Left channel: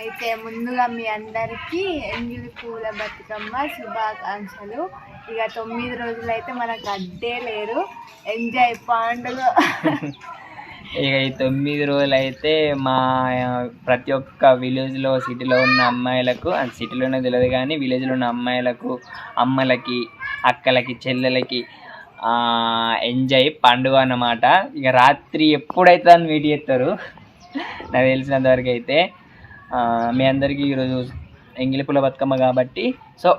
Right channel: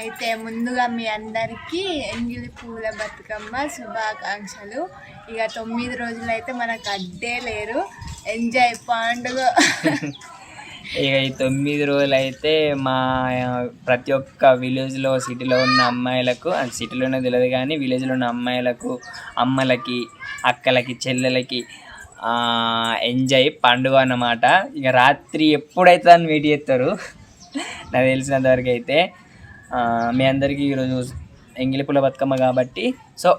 అయితే ముందుగా మీ అందరికీ ఎంగిలి పూల బతుకమ్మ శుభాకాంక్షలు. ఇక 9 రోజులు అయితే మనకు అడ్డే లేరు, ఎంజాయ్ పండుగ. ఇక ఈ 9 రోజులు అయితే మా ప్రతి ఒక్క విలేజ్లో సిటీలో ఉన్న అమ్మాయిలకు, అది సిటీలోనే తెలియదు కానీ విలేజ్లో ఉన్న అమ్మాయిలకు, అమ్మలకి, అక్కలకి, చెల్లెలకి ఎంజాయ్ పండుగ అన్నమాట. ఇక రాత్రి ఎప్పుడైతే అని వెయిట్ చేస్తారు నాకు తెలిసినంతవరకు అయితే. మీ అందరికీ ఈరోజు ఎంగిలి పూల బతుకమ్మ కాబట్టి సో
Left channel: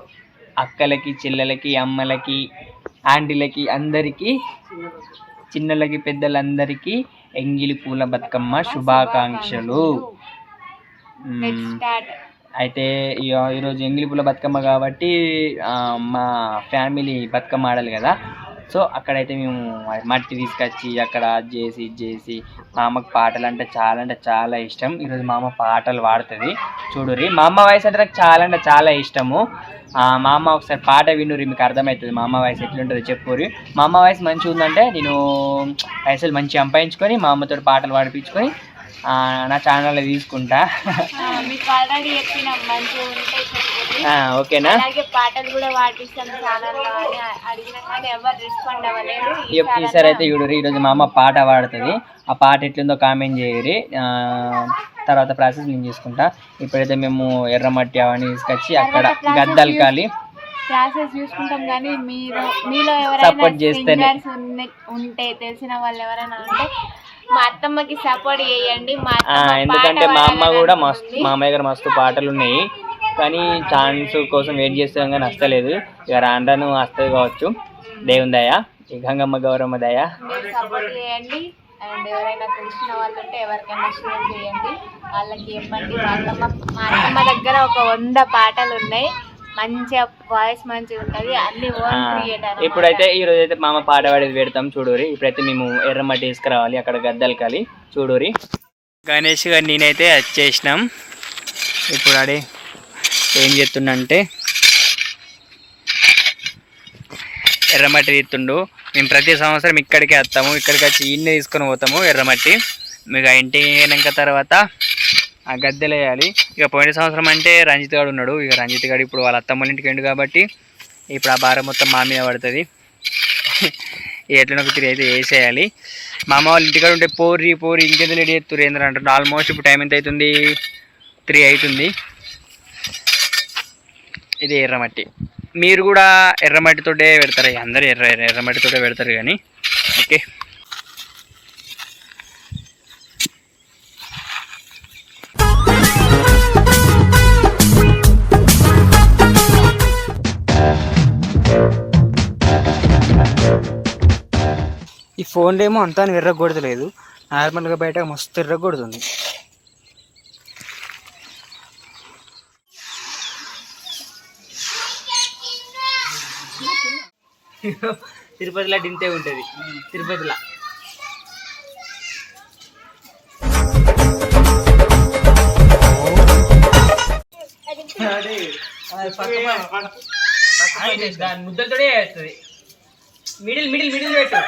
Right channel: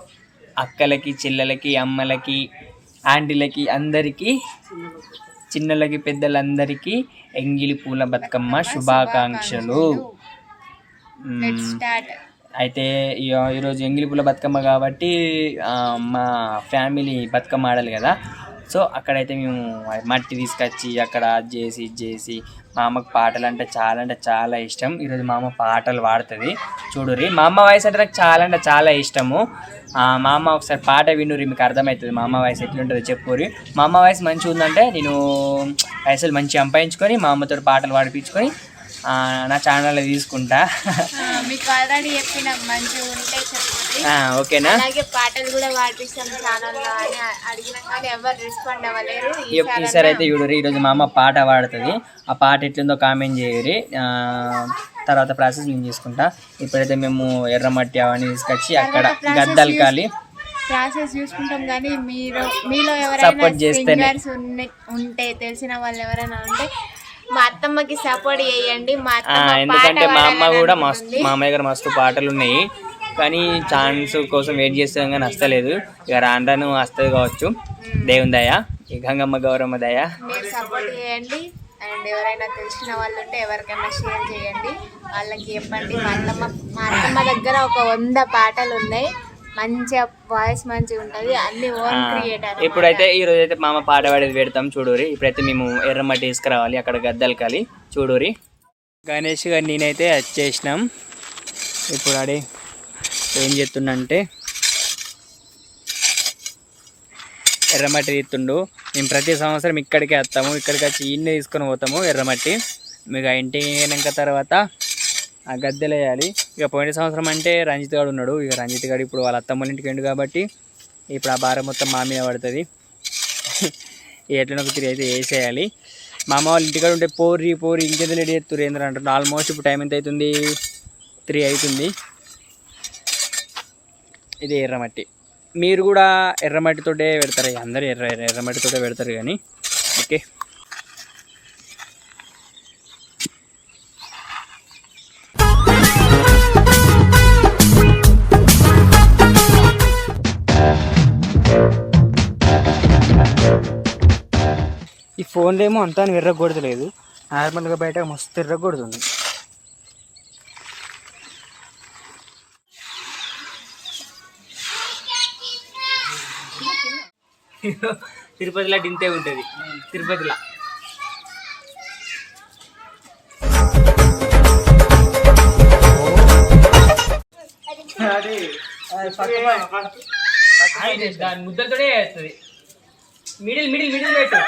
అక్కలకి, చెల్లెలకి, అమ్మలకి, ఆంటీలకి, అందరికీ, చిన్నలకి, పెద్దలందరికీ ఎంగిలి పూల బతుకమ్మ శుభాకాంక్షలు. అయితే ఈరోజు ఎంగిలి పూల బతుకమ్మ కాబట్టి మా ఫ్యామిలీ బతుకమ్మ ఆడాలి కదా. సో అక్కడైతే మేము మట్టి తీసుకొచ్చి అక్కడ ఇది చేసి మా అమ్మకి పాటలు అంటే చాలా ఇష్టం. ఈరోజు మా అమ్మ పాటలు పాడుతుంది చూడుర్రి. మా అమ్మ వాయిస్ అంటే నాకు చాలా ఇష్టము. మా అమ్మ ఒకసారి పాట వినుర్రి, మీకు అర్థమవుతుంది మా అమ్మ వాయిస్ ఎట్లుంటుందో చెప్పుర్రి. మా అమ్మ వాయిస్ మంచిగా ఉందంటే నేను పైసలు మంచిగా సంపాదించుకొని మా అమ్మతో పాటలు పాడిపించుకొని నా ఛానల్లో తీసుకుంటా. ఓకేనా? ఈసారి అయితే చూడరు. ఈరోజు మా అమ్మ పాట పాడుతుంది. ఆ పాట ఎట్లుందో కామెంట్ చేయరి. తర్వాత ప్రాసెస్ నేను చేసుకుంటా. ఇప్పుడైతే మేము ఎర్రమట్టి అవన్నీ తీసుకొచ్చి అక్కడ గద్దలకాలి ప్రాసెస్ చూసుకుంటాం. కానీ మీలో సపోర్ట్ చేస్తేనే ఉంటే తెలిసిన వాళ్ళు ఎవరైనా ఉంటే మా అత్తమ్మకి సపోర్ట్ చేయండి. ఎందుకంటే మా అమ్మ కూడా మస్తు, మా అమ్మాయి గారు మస్తు పాటలు ఉన్నాయి కానీ ఛాన్స్ కోసం వెయిట్ చేస్తాం కానీ వస్తలేదు. ఇక రాను వస్తుంది కావచ్చు, దేవుని దయ, ఈ గంగమ్మ గౌరమ్మ దయ. సపోర్ట్ చేయండి. అండ్ ఎవరైనా తెలిసిన వాళ్ళు ఉంటే ఎవరికైనా షేర్ చేయండి, వాళ్ళకి చెప్పండి. మా అత్తమ్మ దగ్గర ఒక 100 పాటలు ఉన్నాయి, మంచిగా వాయిస్ మంచిగా ఉంటుంది, అన్ని ఓన్ క్రియేటర్. ఇప్పుడైతే ఈరోజు అయితే మామ పాట పాడేది పెడతాం చూడూరి. ఇప్పుడైతే మేము ఎర్రమట్టి తీసుకురావాలి, అక్కడ గద్దలకాలి చూడూరి. గణేష్ గారు నేనైతే వచ్చేసినాం. ఇప్పుడు ఆడే ఏం చేస్తుండంటే ఎర్రమట్టి తీస్తుండు. మేము ప్రతి సంవత్సరం ఇక్కడికే వస్తాము, ఇక్కడికి వచ్చి ఇన్ని తీసుకొని పోతాము ఎర్రమట్టి. మీకు ఇంటి అయినాక తర్వాత ఆ గద్దెలు వేయాలి. ఇక పోయిన సంవత్సరం అంటే రంజిత్ గారు ఉన్నాడు. ఇక రంజిత్ గారు ఇప్పుడు వాళ్ళ అత్తమ్మల ఇంటికి ఎండు కాబట్టి ఇప్పుడు ఆ భారం మొత్తం మా మీద పడుతుంది. ఎట్లనో ఒక 3 అయితే వేసేయాలి. మా అమ్మ వాళ్ళ ఇంటికాడ ఉంటే పోరి ఇంకెందుకు రెడీ చేస్తారు ఏంద్ర అంటారు. ఆల్మోస్ట్ ఇప్పుడు టైం ఎంత అవుతుంది? 3 అవుతుంది. ఇది ఎర్రమట్టి. మీరు కూడా ఎర్రమట్టితోటే పెడతారు, అందరూ ఎర్రమట్టితోటే పెడతారు కానీ. ఓకే, ఈ ఫోన్లో ఏమో అంతా ఎర్రగొడతలేదు, నార్మల్గా బయట మస్తు ఎర్రగొడుతుంది. తిరుపతిలో డింతే ఉంటుంది. తిరుపతిలో దాని ముద్దలతోనే వేస్తుంది. మిడిల్ పెట్టు.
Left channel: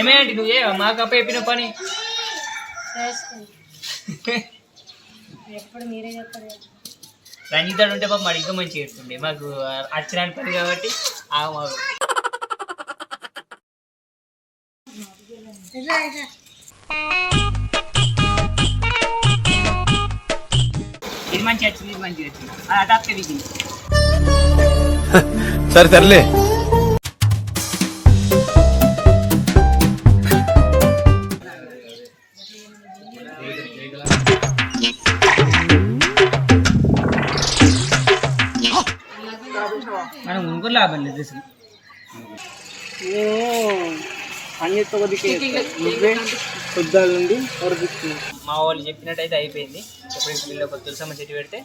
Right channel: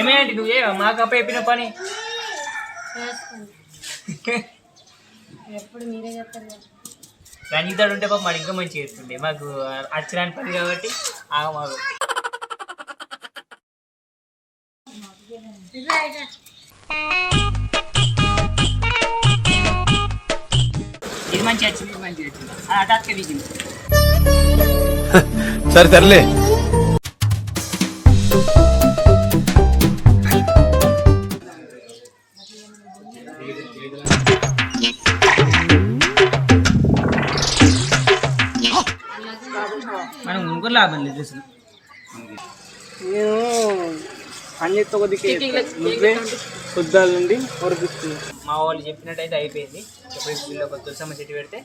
ఏమేంటి నువ్వు మాకు అప్ప చెప్పిన పని ఎప్పుడు మీరే చెప్తారు. రంజితాడు ఉంటే పాప మాకు ఇంకా మంచిగా చేస్తుండే. మాకు అచ్చరాని పని కాబట్టి మాకు ఇది మంచిగా వచ్చింది, ఇది మంచిగా వచ్చింది. అది అటాక్గా దిగింది. సర్లే మనం ఇంకో లాభం లేదు అసలు. నేను పని చేస్తే పొద్దుల నుండి మా వాళ్ళు చెప్పినట్టయితే అయిపోయింది. ఇప్పుడు వీళ్ళు ఒక తులసమ్మ చెట్టు పెడితే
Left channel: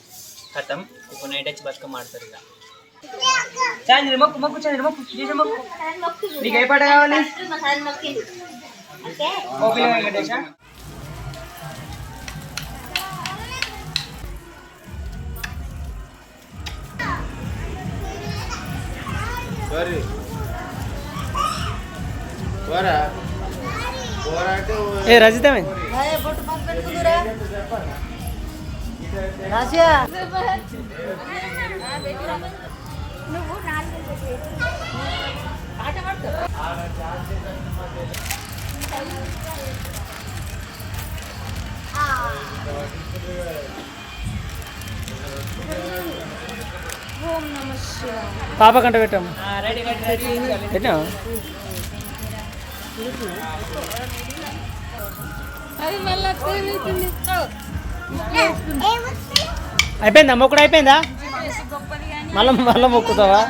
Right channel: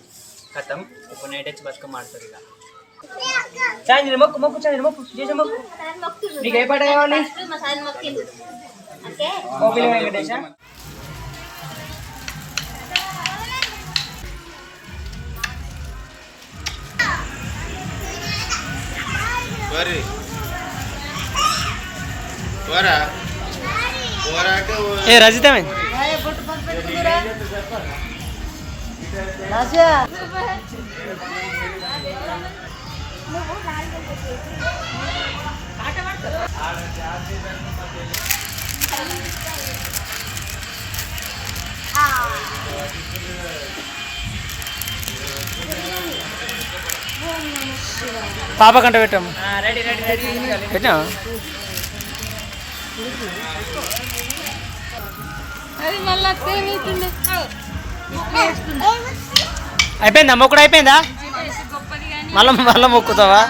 కథం. ఇప్పుడు నైట్ వచ్చి బతుకమ్మ ఆడతారు. ఇక చాంద్రి మొక్కు చాంద్రి చేసే మొక్కు. నీకు ఏ పాట కావాలి? ఓపిక వెంకటేశ. Suara. ఏ రజితమే పాప కంట పెట్టాము పెట్టా అయిపోయిందా మొక్కుడు అయిపోయిందా మళ్ళా మళ్ళా మొక్కుతావా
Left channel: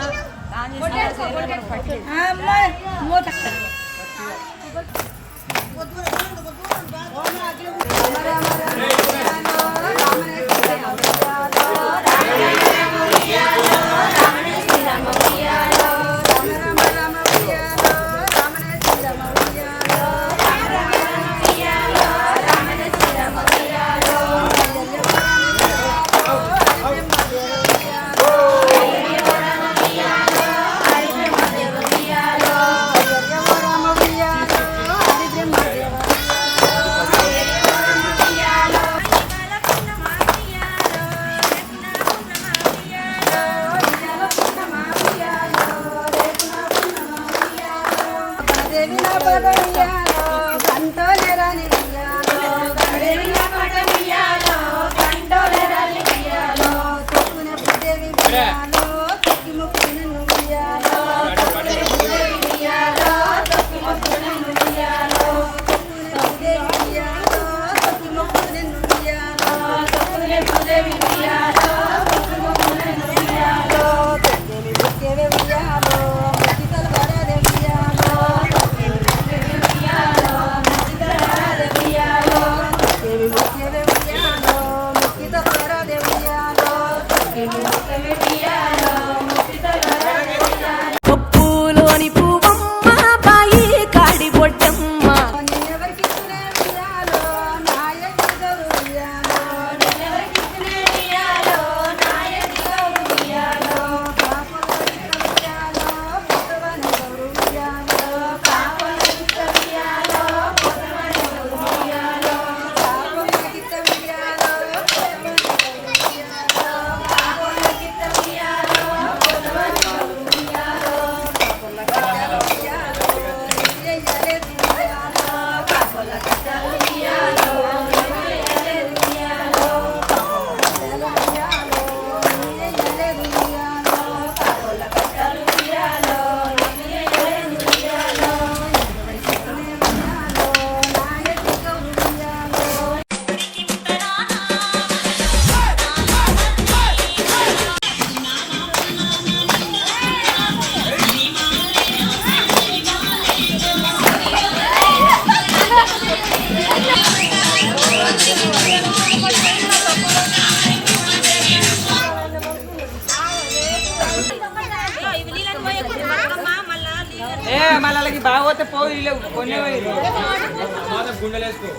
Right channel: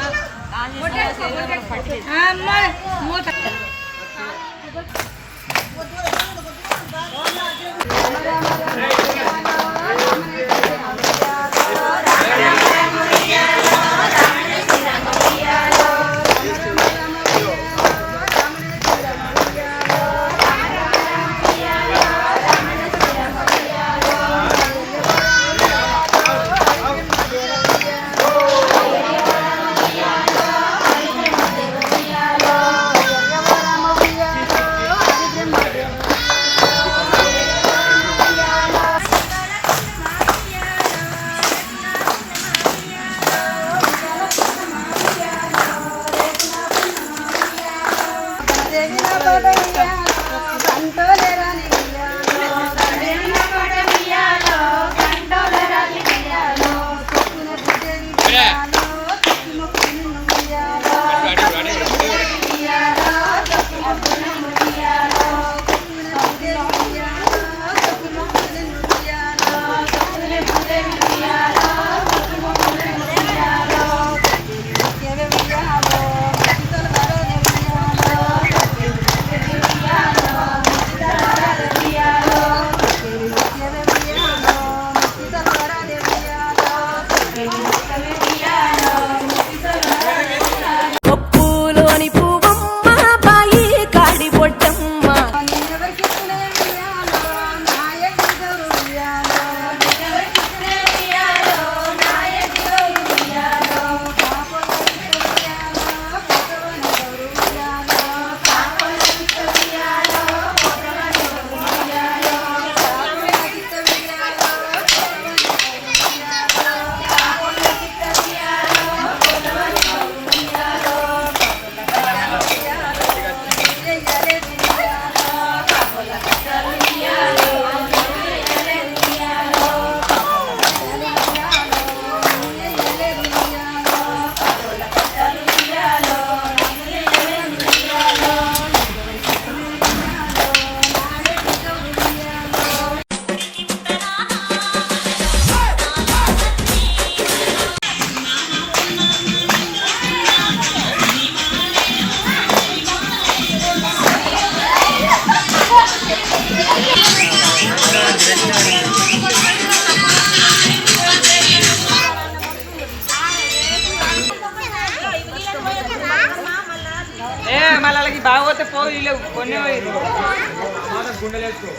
పప్పులోని పువ్వమ్మ బాయి కాడి పొట్టమ్మ మళ్ళీ బాగోతే పోయి కొన్ని గుండెలు వేసుకో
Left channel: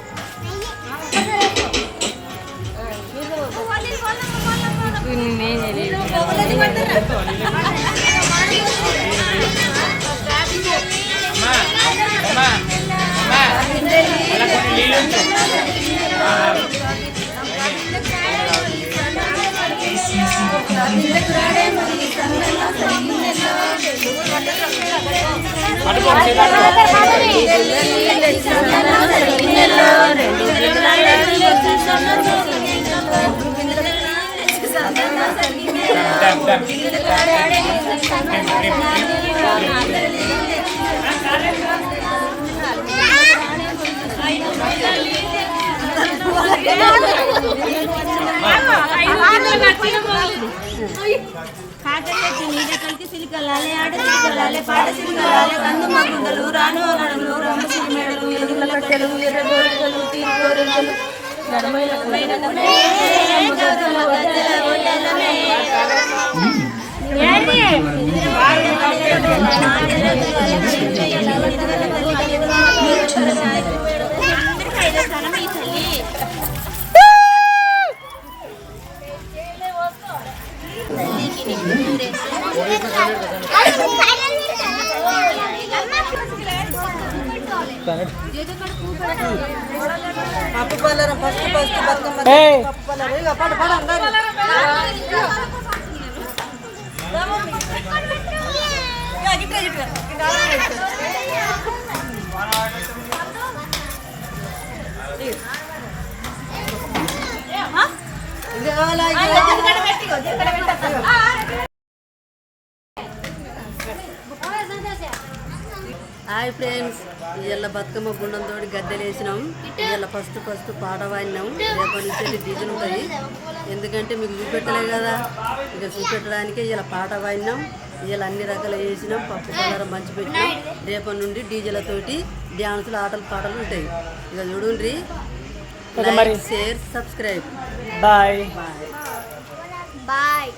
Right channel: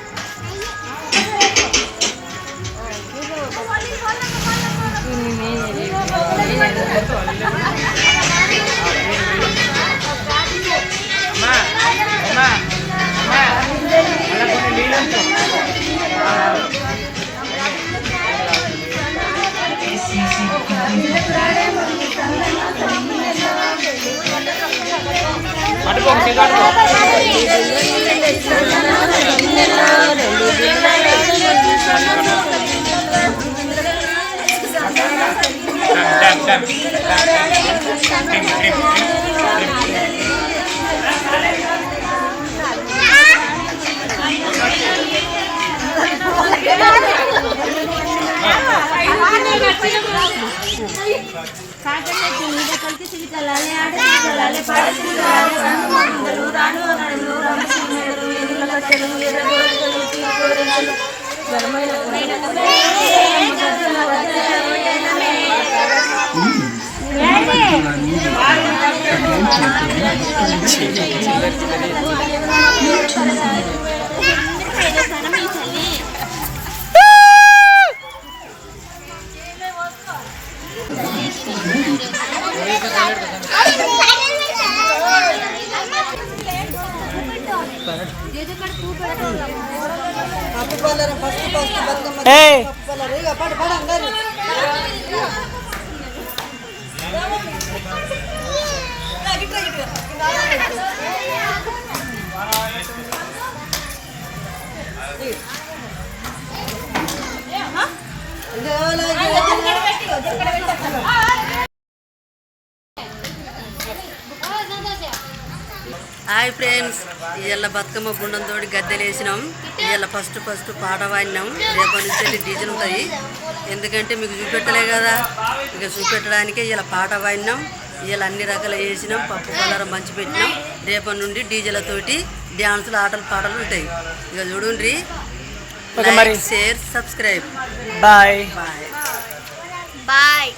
ఏయ్ హాయ్ ఫ్రెండ్స్, ఇవాళ బతుకమ్మ గుండంతో గద్దెలు వేసినాం. ఇవాళ ఫస్ట్ పాట పాడినాం. రేపటి నుంచి వెళ్ళి డీజెలు ఉంటాయి. ఎందుకంటే మీకు చూపెట్టలే కదా, ఇక చూపెట్టడానికే ఇలా పాట పాడినాం. ఇవాళ అన్ని రకాలు వేసినాం, పప్పు పలారం మంచి పెట్టినాం. రేపటి నుండి డీజేలతోటి డ్యాన్సులు ఆటలు పాటలు ఉంటాయి. ఇక చూడండి, like, share, subscribe. Bye bye.